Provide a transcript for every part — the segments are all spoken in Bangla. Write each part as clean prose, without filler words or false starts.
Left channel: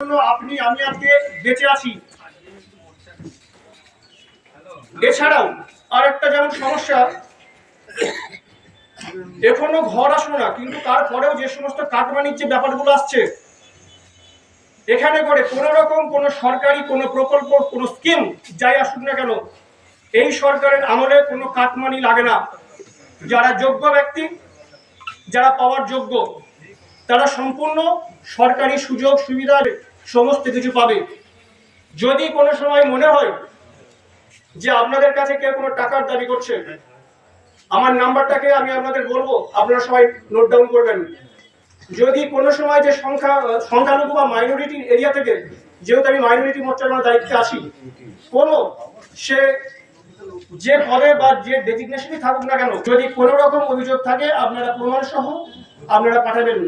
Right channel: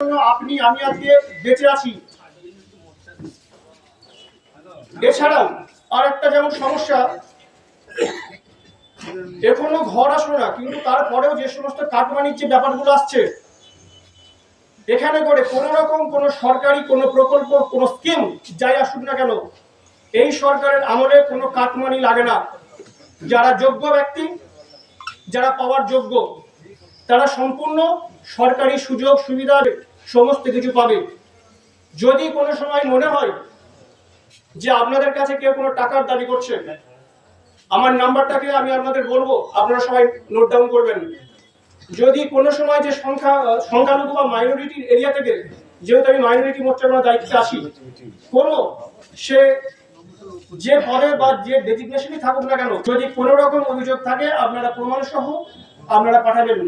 আপনি আমি আজকে বেঁচে আছি। এছাড়াও আর একটা যেমন সমস্যা, এখনো ঘর আসলো না, কিন্তু তারপরেও যে সমস্ত কাটমানির যে ব্যাপারগুলো আসছে এখানে করে কোনো রকম কোনো সরকারি কোনো প্রকল্প কোনো স্কিম যাই আসুক না কেন, এই সরকারের আমলে কোনো কাটমানি লাগে না। যারা যোগ্য ব্যক্তি, যারা পাওয়ার যোগ্য, তারা সম্পূর্ণ সরকারি সুযোগ সুবিধার সমস্ত কিছু পাবে। যদি কোনো সময় মনে হয় যে আপনাদের কাছে কেউ কোনো টাকার দাবি করছে, আমার নাম্বারটাকে আমি আপনাদের বলবো, আপনারা সবাই নোট ডাউন করবেন। যদি কোনো সময় যে সংখ্যালঘু বা মাইনরিটি এরিয়া থেকে, যেহেতু আমি মাইনরিটি মোর্চার দায়িত্বে আসি, কোনো সে যে পদে বা যে ডেজিগনেশনই থাকুক না কেন, যদি কোনো রকম অভিযোগ থাকে আপনারা প্রমাণ সহ আপনারা পাঠাবেন,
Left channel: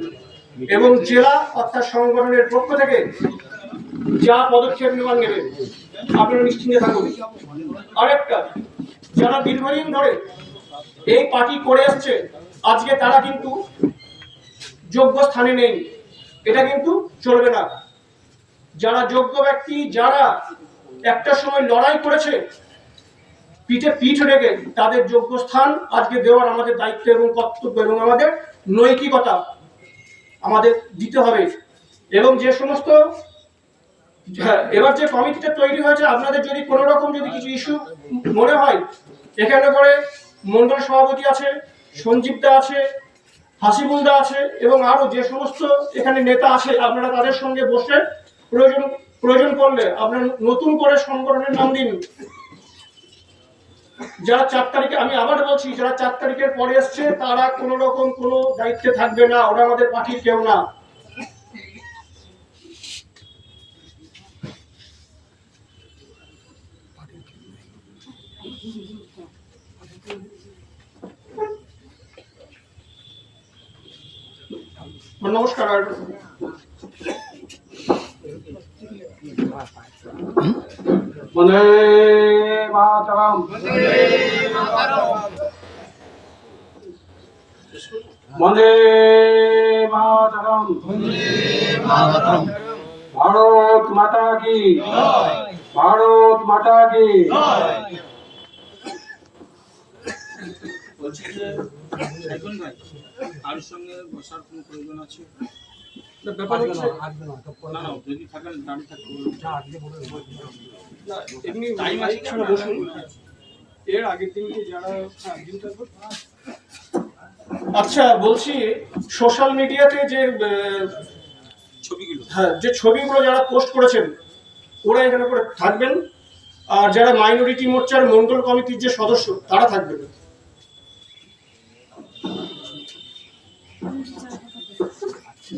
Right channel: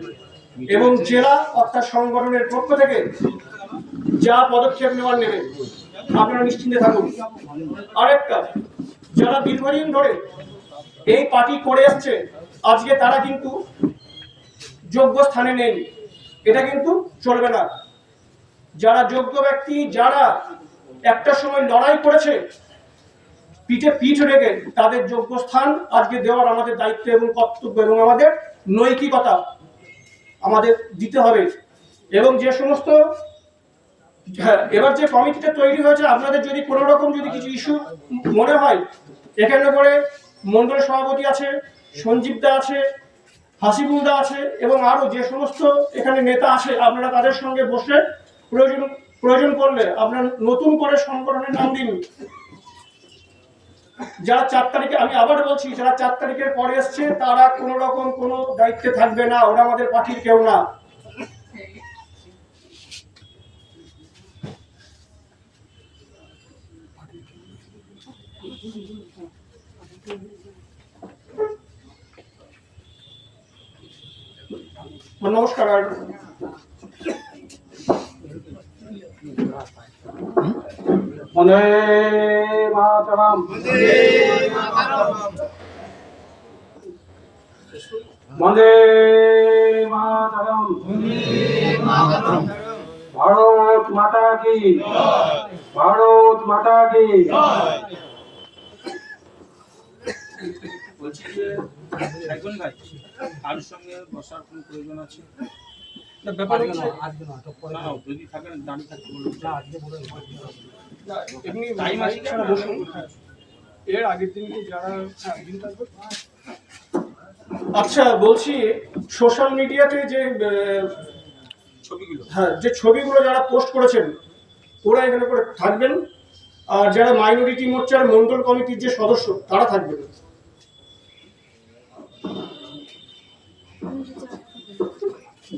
এবং জেলা অর্থাৎ সংগঠনের পক্ষ থেকে যা পদক্ষেপ নেওয়ার নেবে আপনারা নিশ্চিন্তে থাকুন। আরেকটা, যারা দীর্ঘদিন ধরে এই পার্টি করে আসছে, আজকে তারা কিন্তু যোগ্য স্থানে নেই, এটা কিন্তু চলবে না। যারা যোগ্য ব্যক্তি, যারা একটা সময় লড়াই করেছে, পিঠে পিঠ রেখে, তাদের যোগ্য স্থান আজকে দেওয়ার আমাদের দায়িত্ব এবং কর্তব্য এবং আমাদের নৈতিকতা আমাদের দিতে হবে। এবং যে সমস্ত এবার যে কমিটিটা তৈরি হয়েছে, আপনাদের যদি কোনো রকম যদি কিছু ইস্যু মনে হয়, এখানে করে মন্ডল সভাপতি আছে, সঞ্জীব দা আছে, হাসিবুল দা আছে, এবং আরো যে সমস্ত এখানে নেতা আছে, আপনারা তাদের সঙ্গে বসে প্রয়োজন পড়লে আপনারা নতুন করে সংগঠনের নাম দিন। যারা 4 তারিখে, আমি আবার বলছি, যারা 4 তারিখের পরে এসছে তারা কোনো রকম কোনো দায়িত্বে থাকবে না, ওরা আমাদের পার্টির কেউ না। নমস্কার। বন্দে মাতরম, বন্দে মাতরম, ভারত মাতা কি, ভারত মাতা কি। বলছি যে সাইফুল ভাই, কার সঙ্গে বসার কোনো প্রয়োজন আছে? ব্যাপার হচ্ছে না, যদি থাকেন দাঁড়িয়ে থাকতে এমনি টাইম আছে, বসুন। এর আগের দিন যারা আচ্ছা বলছি, সোশ্যাল মিডিয়াতে যে ছবিগুলো, যে ছবিগুলো যারা পোস্ট করেছেন ওরা এখানে করে থাকবেন, আর যারা মাইনরিটি মোর্চার মন্ডল কমিটির যে সদস্য তারা থাকবেন।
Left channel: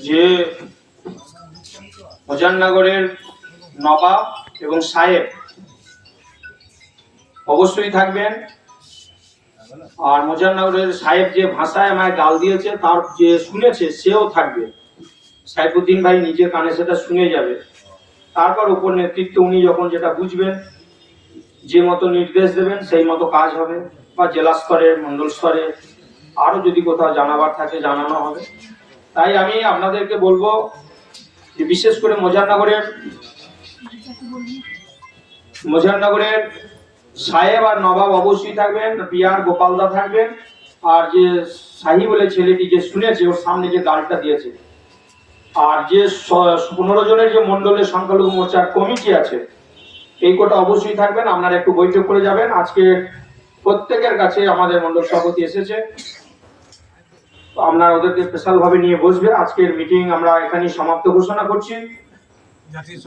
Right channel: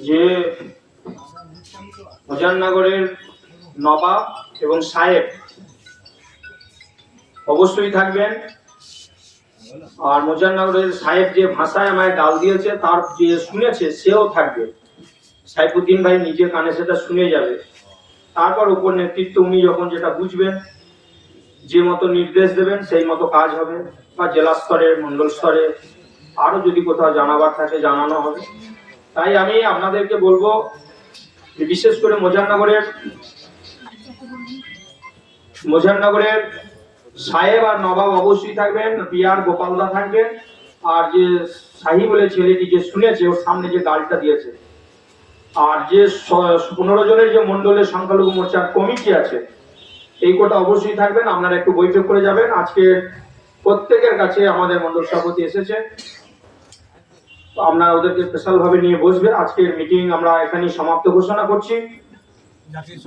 যে মুজাফফরনগরের নবাব এবং সাহেব অবশ্যই থাকবেন, আর মুজাফফরনগরের সাহেব যে ভাষায় আমায় গাল দিয়েছে তার যে শুনেছে সেও থাকবে। সাইফুদ্দিন ভাই নিজে কানে সেটা শুনে যাবে, তারপর উপর নেতৃত্ব উনি যখন যেটা বুঝবেন, যে মতো নির্দেশ দেবেন সেই মতো কাজ হবে, বা জেলা স্তরে মন্ডল স্তরে আরো যদি কোথাও জানাবার থাকে জানানো হবে। তাই আমি আপনাদেরকে বলবো যে বিশেষ করে মুজাফফরনগরের সাহেব আর নবাব অবশ্যই থাকবেন, পিয়ার গোপালদা থাকবেন, আর যে শাহী বলে ছেলেটি যে শুনেছে ওর সামনে যে গালটা দিয়েছে, আর যে 15 জনের যে মন্ডলের সংখ্যালঘু মোর্চার কমিটি আছে, এই কোটা অবশ্যই থাকবেন। আপনারা একটু বৈঠক করে যাবেন। আজকে প্রত্যেকের কাছে আমাদের মন্ডল সভাপতি এসেছে, আপনারা ওদেরকে স্পেশাল ভাবে নিয়ে বসবে। আজকের মিটিং আমরা এখানেই সমাপ্ত ঘোষণা করছি। জাতীয়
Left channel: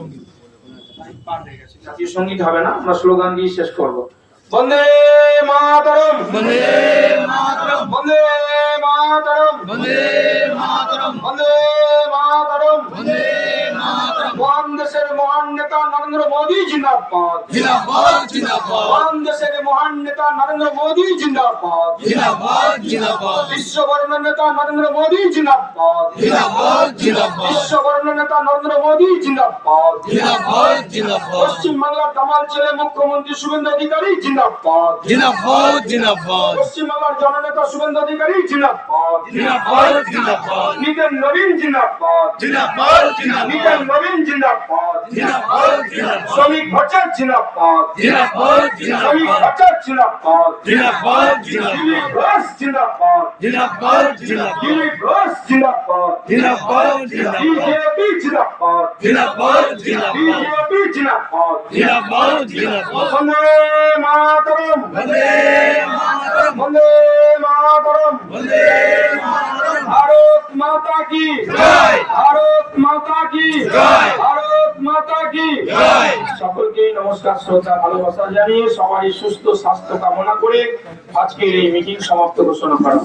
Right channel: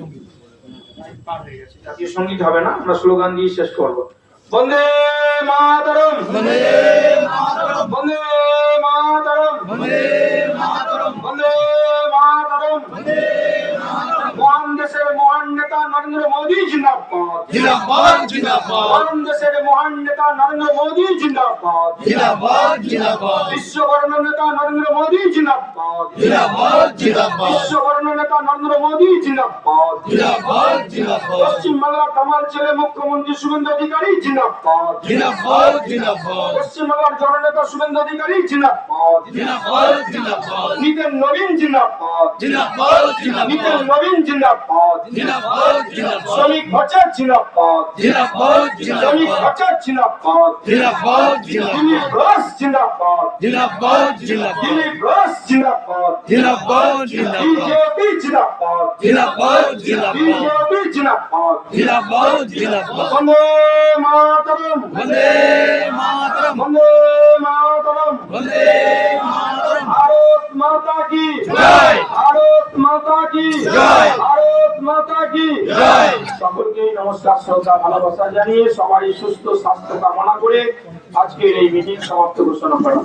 সঙ্গীত হবে না, আমরা স্লোগান দিয়ে শেষ করব। বন্দে মাতরম, বন্দে মাতরম, বন্দে মাতরম, বন্দে মাতরম, বন্দে মাতরম, বন্দে মাতরম, বন্দে দেশের মহান নেতা নরেন্দ্র মোদী জিন্দাবাদ। जिंदाबाद जिंदाबाद মহান দেশের মহান নেতা নরেন্দ্র মোদী জিন্দাবাদ। जिंदाबाद जिंदाबाद বিশ্ববরণ্য নেতা নরেন্দ্র মোদী জিন্দাবাদ। जिंदाबाद जिंदाबाद বিশ্ববরণ্য নেতা নরেন্দ্র মোদী জিন্দাবাদ। जिंदाबाद जिंदाबाद পশ্চিম বাংলার দামাল ছেলে মুখ্যমন্ত্রী শুভেন্দু অধিকারী জিন্দাবাদ। जिंदाबाद जिंदाबाद পশ্চিম বাংলার জননেতা শুভেন্দু অধিকারী জিন্দাবাদ। जिंदाबाद जिंदाबाद নিতেন নবীন জিন্দাবাদ। जिंदाबाद নিতেন जिंदाबाद নবীন জিন্দাবাদ। जिंदाबाद जिंदाबाद শ্রমিক ভট্টাচার্য জিন্দাবাদ। जिंदाबाद শ্রমিক जिंदाबाद ভট্টাচার্য জিন্দাবাদ। जिंदाबाद দিলীপ जिंदाबाद ঘোষ জিন্দাবাদ। जिंदाबाद जिंदाबाद দিলীপ ঘোষ জিন্দাবাদ। जिंदाबाद जिंदाबाद বিজেপি জিন্দাবাদ। जिंदाबाद जिंदाबाद বিজেপি জিন্দাবাদ। जिंदाबाद जिंदाबाद বন্দে মাতরম। वंदे मातरम বন্দে মাতরম। वंदे मातरम ভারত মাতা কি জয়। ভারত মাতা কি জয়। ভারত মাতা কি জয়। সকলকে নমস্কার, শ্রদ্ধা, ভালোবাসা জানিয়ে সবারই সুস্থ স্বাস্থ্য কামনা করে আজকের এই মিটিং সমাপ্ত ঘোষণা করা।